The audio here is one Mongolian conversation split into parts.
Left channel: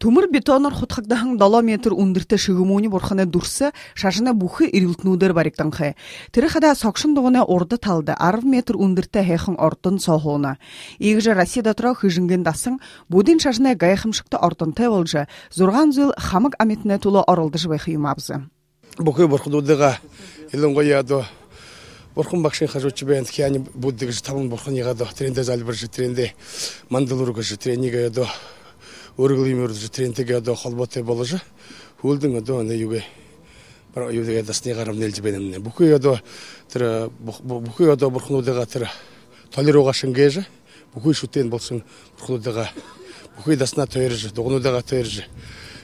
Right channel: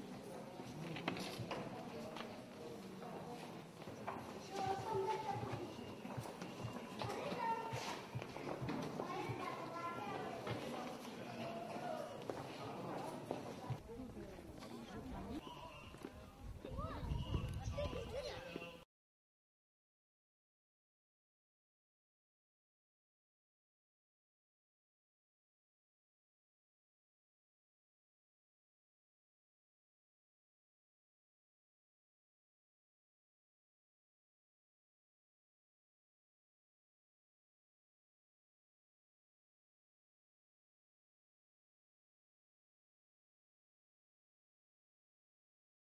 Төмөр бетонор хутхагдахан 7 метр үндэртэ шигэмүүний бурханы дурса шашина бүхэ ирэлтнүүдээр баригданхэ. Тэр хада согшин дуганы урда талда 10 метр үндэртэ хайхан ордон соохууна. Ийгж Россия дотроо хижинген дасан будын шашина гайхамшигта ордонтой болж 6 жыл хамаг аметнэ тулы оролдож байх юм абзы. Бүхэ бурхнуудыга илэнгояадо бурхан багшийн хажууч бэнд хяни буддэгж таван бурханыгаадо трендэ залбирж трендэ мандалургэж тренигэдо өргөлийн өрдөж трендтэйгээ одоо холбоотой болж хөлдөн одоо юугээ юугээ дасны гарам нэлж байна нэ бүхий одоо тэр бүхий одоо бурхнуудыгаа тэр толирууга шингээж бүхий шүтэн болсон бурхнуудыгаа бүхий даснаа тойрж дугнуудыгаа тойрж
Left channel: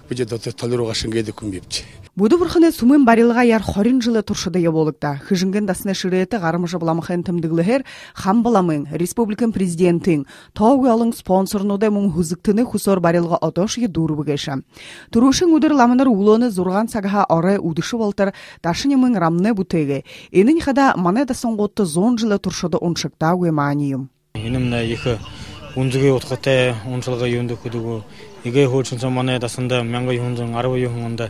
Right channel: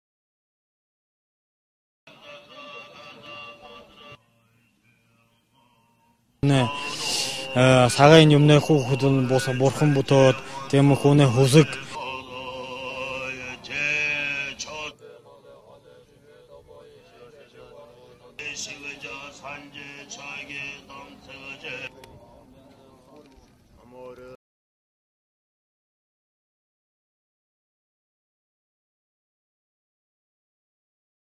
бид одоо толирууга шингээд хүм бивч Буду бурханы сүмэн барилга яр 20 жылы туршыда яболыкта. Хижинген дасны ширеті гарымышы буламахын тымдыгылы хамбуламын республикан президенті тоғылын спонсорнудай мұң хүзіктіні хүсор барилга отошығы дұрыбы кешам. Турушын удыр ламыныр улоны зурған сағаға орай удышы болтыр дашын емін рамны бұтеге. Енің қада маны дасын ғотты 10 жылы туршыда оншықта өйманиым. Енімна ехі үнзіге отқытай оншылға үйінді күдігі. Еге хөлшінсі маны дасында мәңгі үйінзің арвы үйінді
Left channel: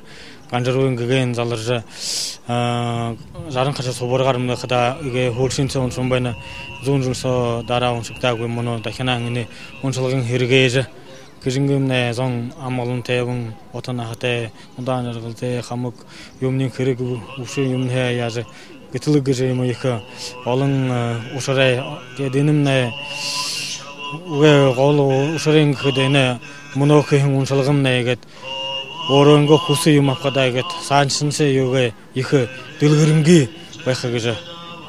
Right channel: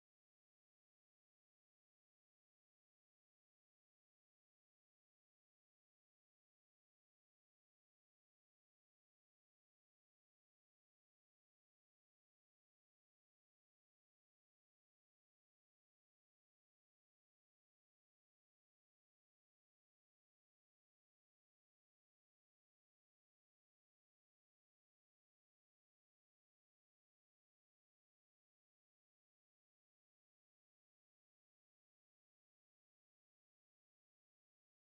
Ганжаруын гэгэн заларжа жарын қаша собор гарымды қыда иге хөлшінсі оншын байна зуын жылсо дара оншықтагы мұны дахина аңыны оншылығын хергейжі кежінгімне зон амалын тәйбін отана хатай ұдан арғылты қамық юмнен керек ұшы юмне яжы гітілі гіжі емі екі олың ұшырай денімне ұғы ғолы ұшырайын кедені мұны оқиын оншылығымне егет Орынғы құсы юмапқадайгет саншынсы юғы екі дылғырынғы байқағыжы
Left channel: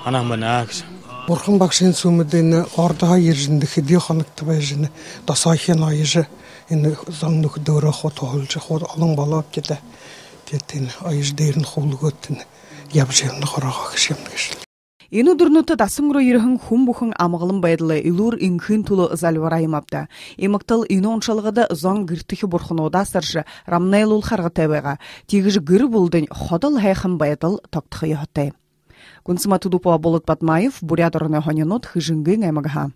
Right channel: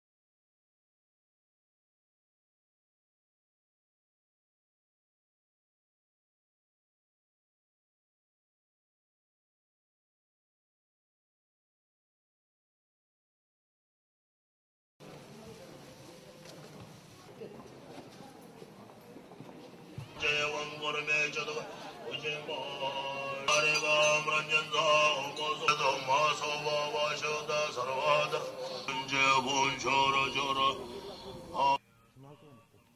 анамын ағыжы. Бурхан бақшын сүмідені ордаға ержінді хеде қанықты байжыны дасайхен айыжы заңнық дөрі қот олжы қот алың балап кеді деттен айыждерін қолы көттін ябжерінді қораға кішемді Ину дурнуты дасымро ирхын хум бухын амғылым байдылы илур инхын тулы залвараймапта. Имақтал ину оншалғыда зон гіртіхі бурхынуда саршы рамнайлул қарғы тәбеға. Тегіж гір бұлдың қодыл хайхын байдыл тоқтықы яхытай. Үнсіма тудупуа болық Батмаев, бурядырыны хонянот хыжынғы аймағыға.